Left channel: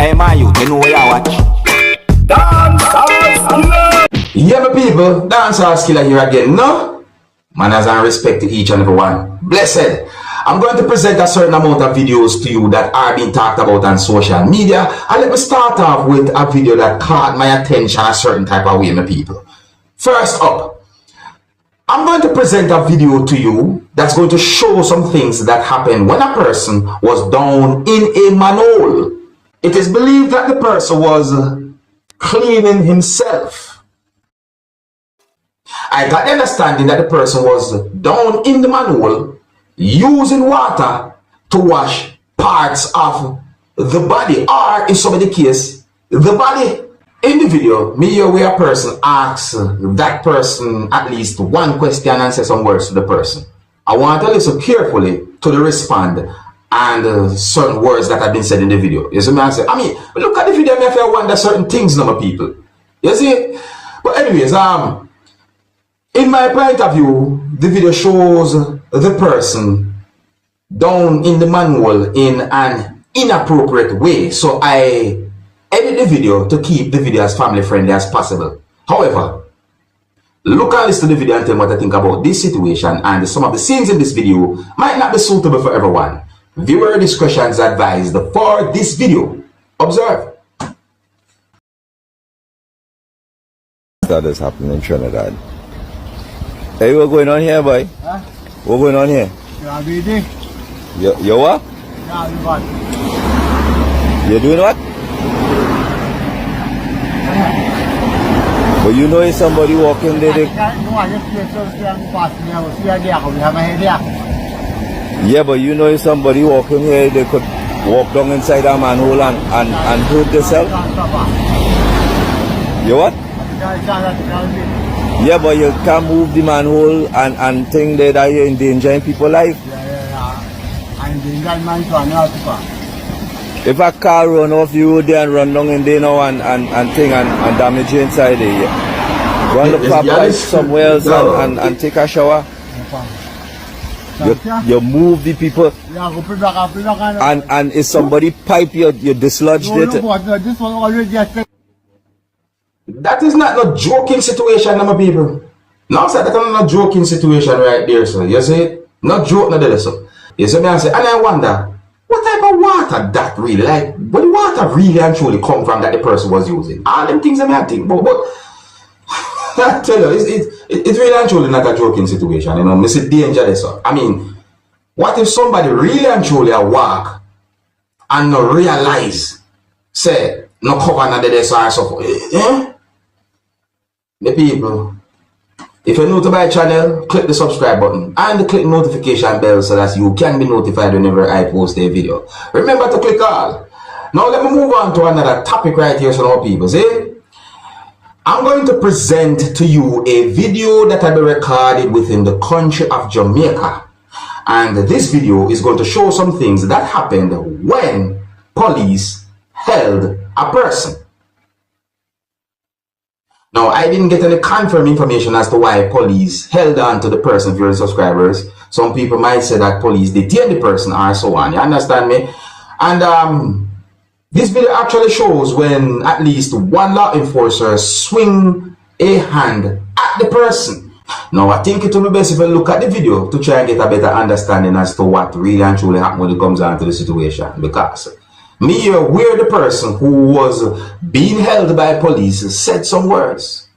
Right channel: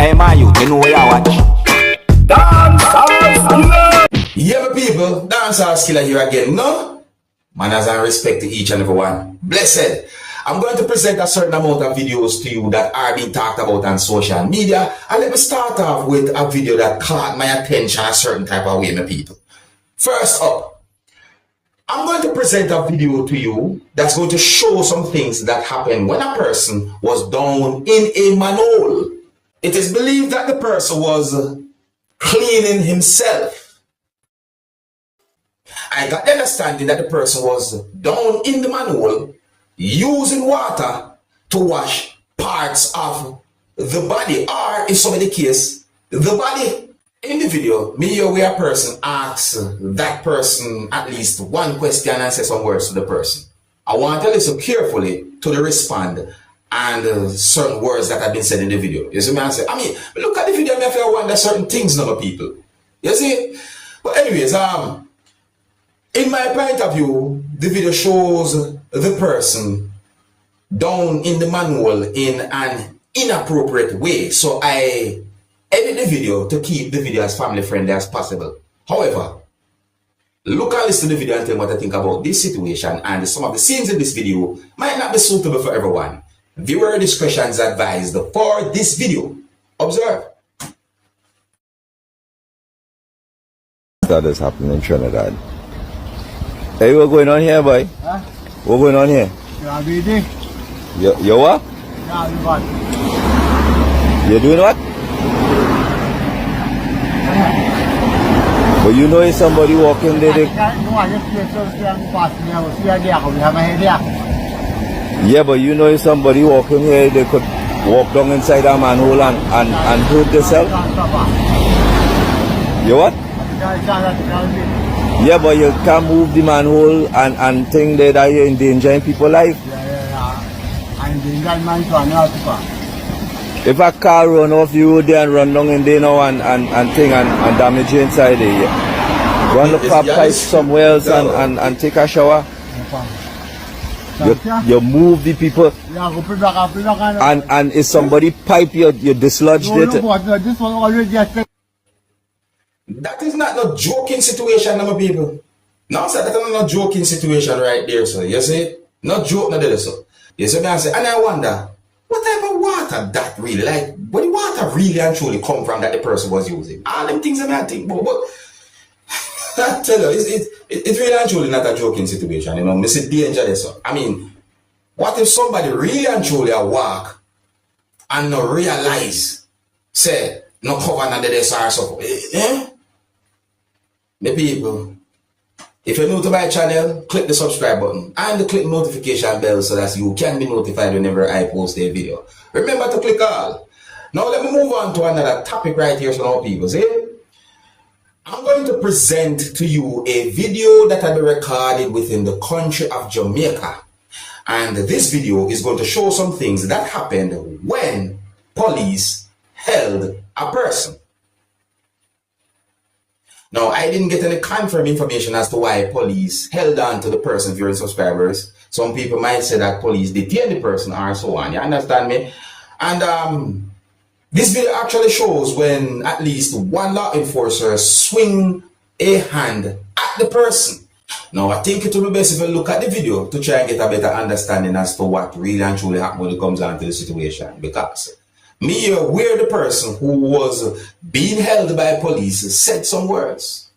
Hey man, you know where you watch? Dancehall skilla! Yeah, my people, Dancehall skilla here again, no? Manners and respect to each and every one. Blessed. I'm going to present a certain amount of videos to you that are being talked about on social media. And let me start off with a video that caught my attention a certain type of way, my people. First up, I'm going to present a video to you that's going to show some things that happened when a person was down in a manhole. It is believed that the person was cleaning himself. I got the understanding that the person was down in the manhole using water to wash parts of the body, or in so many cases, the body. In the video, me hear where a person asks that person at least one question and say some words to the person. I want to listen carefully to the respond and certain words that have been said in the video. You see me? I mean, look at the video, I feel wonder certain things now, people. You see? But anyways, in my point of view, the video shows the person down in the manhole in an inappropriate way. So I edit the video to keep the video as family friendly as possible. However, look and listen to the video and tell me what I think about this situation, and some of the scenes in this video might not be suitable for everyone. Viewer discretion is advised for this video. Observe. That is happening in Trinidad. Hey, what's going on here, boy? Huh? What's going on here? Yeah, baby. You what? Yeah, you got You doing what? But you know if somebody walking there, yeah, but you know if somebody walking here, they could walk down inside a manhole and hurt themselves. You what? Yeah, but you can't move the manhole and think that you're endangering people's life. If a car run off the road there and run down in there now and damage you inside there, yeah. Run the pipe somewhere else and take a shower. You move the people and if somebody pipe you dislodge it. That is not a joking situation, my people. No, sir, that's not a joking situation right there, sir. You see? Not joke, not there, sir. You see me, I say, and I wonder, what type of water that really, like, where the water really and truly come from that the person was using? All them things I may think, but I tell you, it's really and truly not a joking situation, you know, I see danger there, sir. I mean, what if somebody really and truly a walk and not realize, say, no cover none of this or so, eh? The people, if you're new to my channel, click the subscribe button and click the notification bell so that you can be notified whenever I post a video. Remember to click all. Now let me move on to another topic right here, so now people, see? I'm going to present to you a video that I recorded within the country of Jamaica. And this video is going to show some things that happened when police held a person. Now, I didn't get any confirmed information as to why police held on to the person, viewers, subscribers. Some people might say that police detained the person or so on. You understand me? And this video actually shows when at least one law enforcer swing a hand at the person. Now, I think it will be best if you look at the video to try and get a better understanding as to what really and truly happened when it comes down to the situation. Because me where the person who was being held by police said some words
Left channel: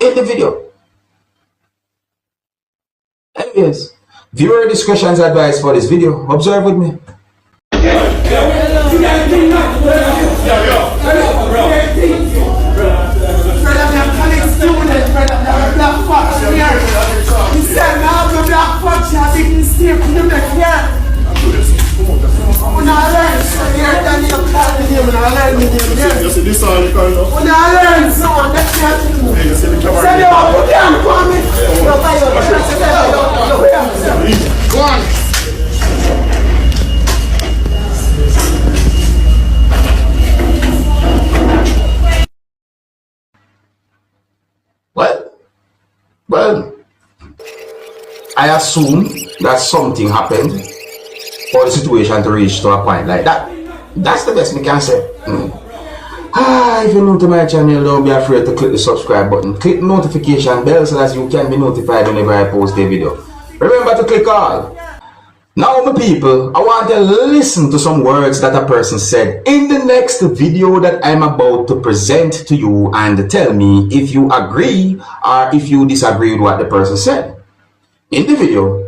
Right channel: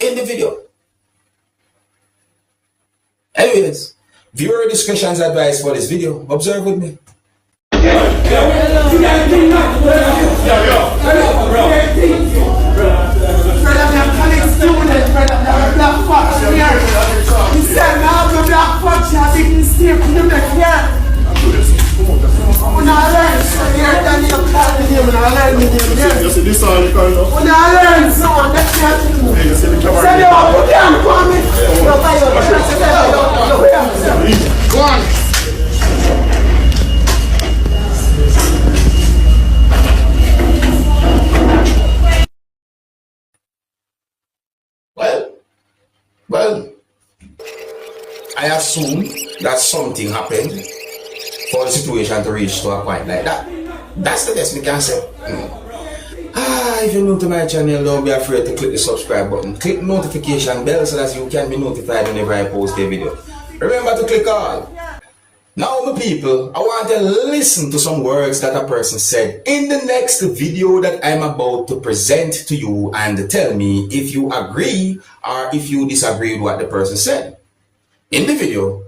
in the video. Anyways, viewer discretion is advised for this video. Observe with me. Well, I assume that something happened for the situation to reach to a point like that. That's the best we can say. If you're new to my channel, don't be afraid to click the subscribe button. Click the notification bell so that you can be notified whenever I post a video. Remember to click all. Now, my people, I want to listen to some words that a person said in the next video that I'm about to present to you, and tell me if you agree or if you disagree with what the person said. In the video,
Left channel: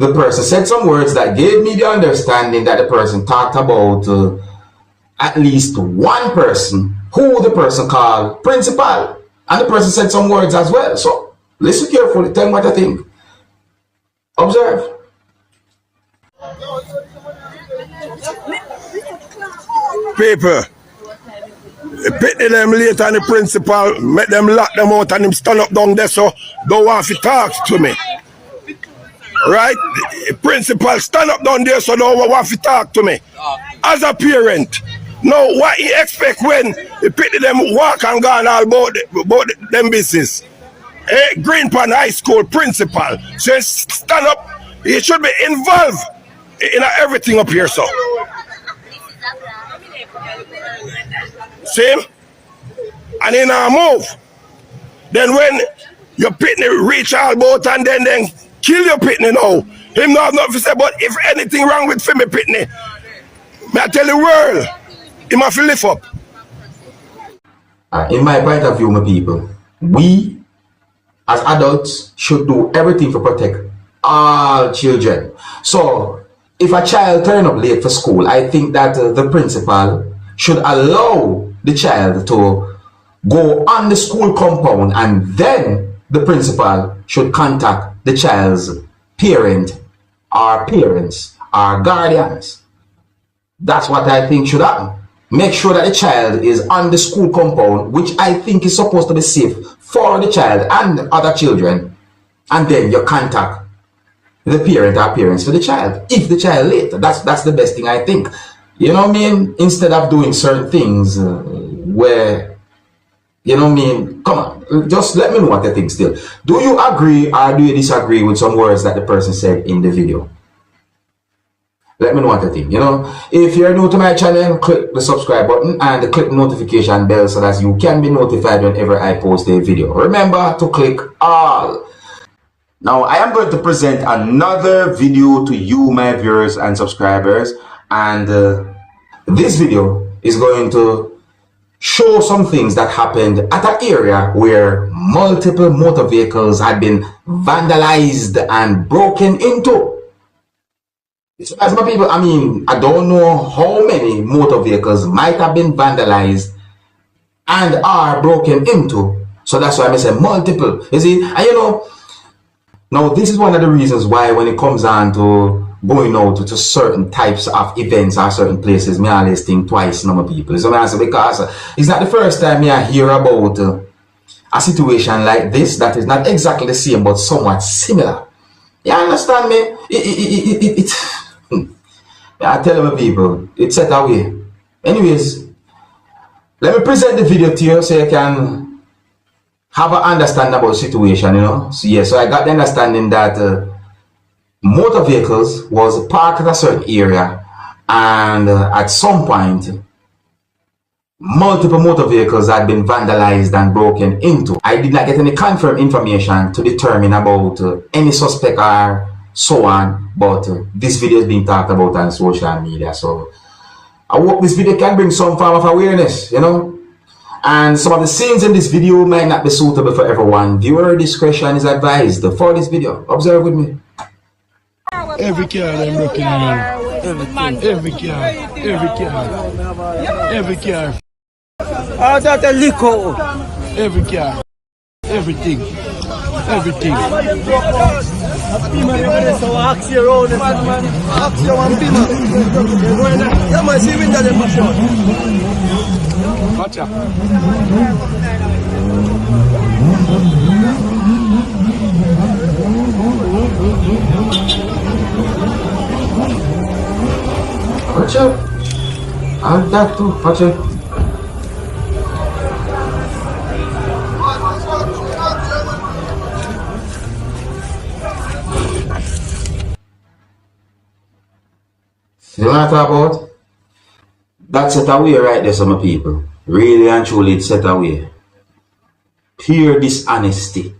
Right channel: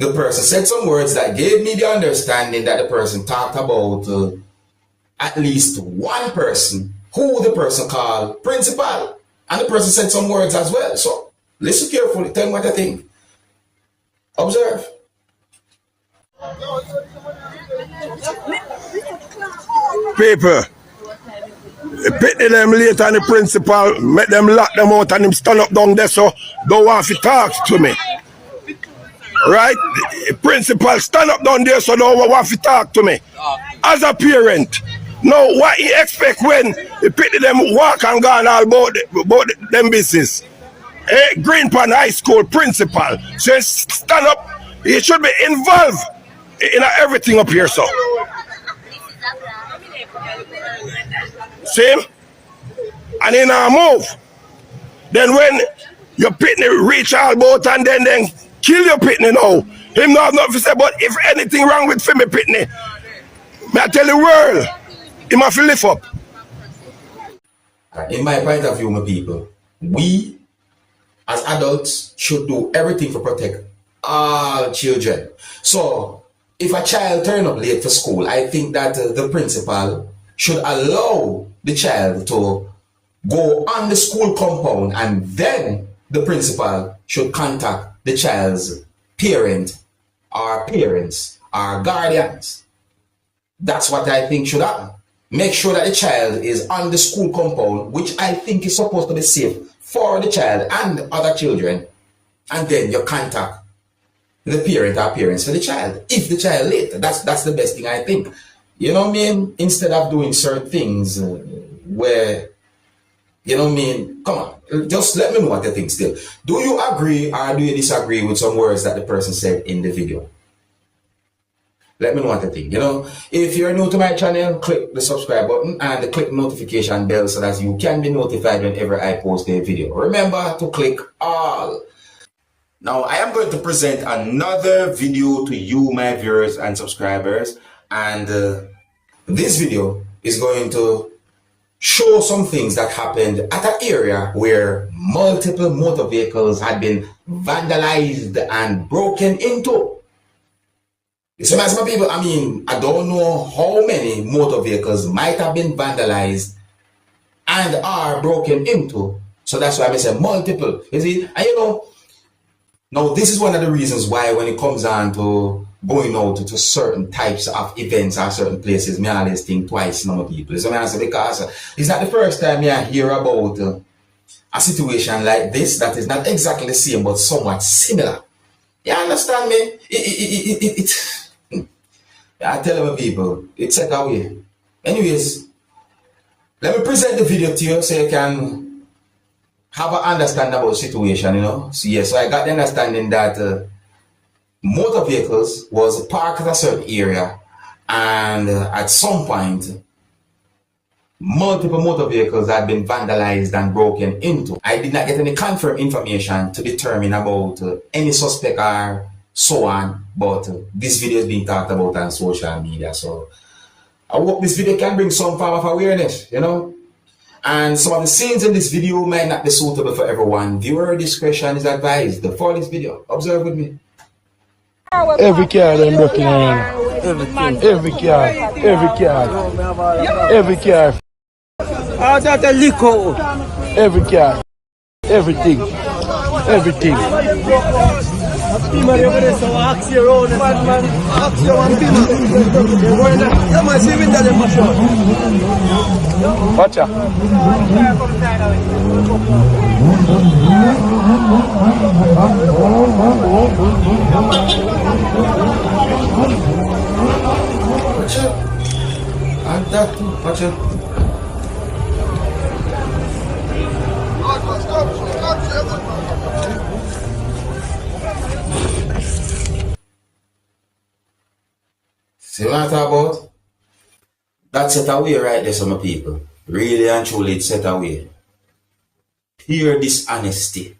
the person said some words that gave me the understanding that the person talked about at least one person who the person called principal. And the person said some words as well. So listen carefully, tell me what I think. Observe. People, pity them later and the principal, make them lock them out and him stand up down there so don't want to talk to me. Right? The principal stand up down there so don't want to talk to me. As a parent, now what he expect when he pity them walk and gone all about them business? Greenpan High School principal says stand up, he should be involved in everything up here, so. See? And in a move. Then when your pitney reach all about and then kill your pitney now. Him not have nothing to say, but if anything wrong with Femi pitney, may I tell the world, he must lift up. In my point of view, my people, we as adults should do everything to protect all children. So, if a child turn up late for school, I think that the principal should allow the child to go on the school compound, and then the principal should contact the child's parent or parents or guardians. That's what I think should happen. Make sure that the child is on the school compound, which I think is supposed to be safe for the child and other children, and then you contact the parent or parents for the child. If the child late, that's the best thing I think. You know what I mean? Instead of doing certain things where, you know what I mean? Come on, just let me know what you think still. Do you agree or do you disagree with some words that the person said in the video? Let me know what you think. You know, if you're new to my channel, click the subscribe button and click the notification bell so that you can be notified whenever I post a video. Remember to click all. Now, I am going to present another video to you, my viewers and subscribers, and this video is going to show some things that happened at an area where multiple motor vehicles had been vandalized and broken into. So as my people, I mean, I don't know how many motor vehicles might have been vandalized and are broken into. So that's why I say multiple. You see, and you know, now this is one of the reasons why when it comes on to going out to certain types of events or certain places, me always think twice, my people. So I say, because it's not the first time I hear about a situation like this that is not exactly the same but somewhat similar. You understand me? I tell my people, it's set away. Anyways, let me present the video to you so you can have an understanding about the situation, you know. So yeah, so I got the understanding that motor vehicles was parked at a certain area, and at some point multiple motor vehicles had been vandalized and broken into. I did not get any confirmed information to determine about any suspect or so on, but this video is being talked about on social media, so I hope this video can bring some form of awareness, you know. And some of the scenes in this video might not be suitable for everyone. Viewer discretion is advised for this video. Observe with me. Every car they're looking at. Every car. Oh, that's a liquor. Every car. Everything. Watch out. Watch out. I've got to watch out. See what I talk about? That's it away right there, some people. Really and truly it's set away. Pure dishonesty.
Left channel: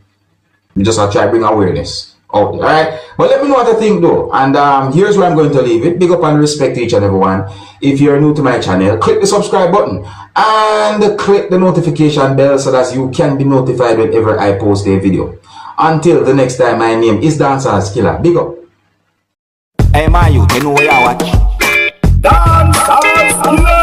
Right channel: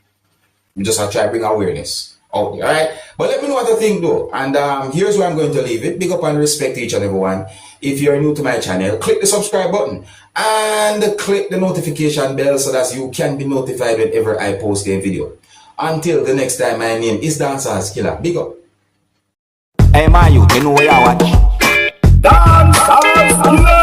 We just want to try to bring awareness out there, alright? But let me know what I think though. And here's where I'm going to leave it. Big up and respect to each and everyone. If you're new to my channel, click the subscribe button and click the notification bell so that you can be notified whenever I post a video. Until the next time, my name is Dancehall Skilla. Big up. Hey, man, you know where I watch. Dancehall Skilla.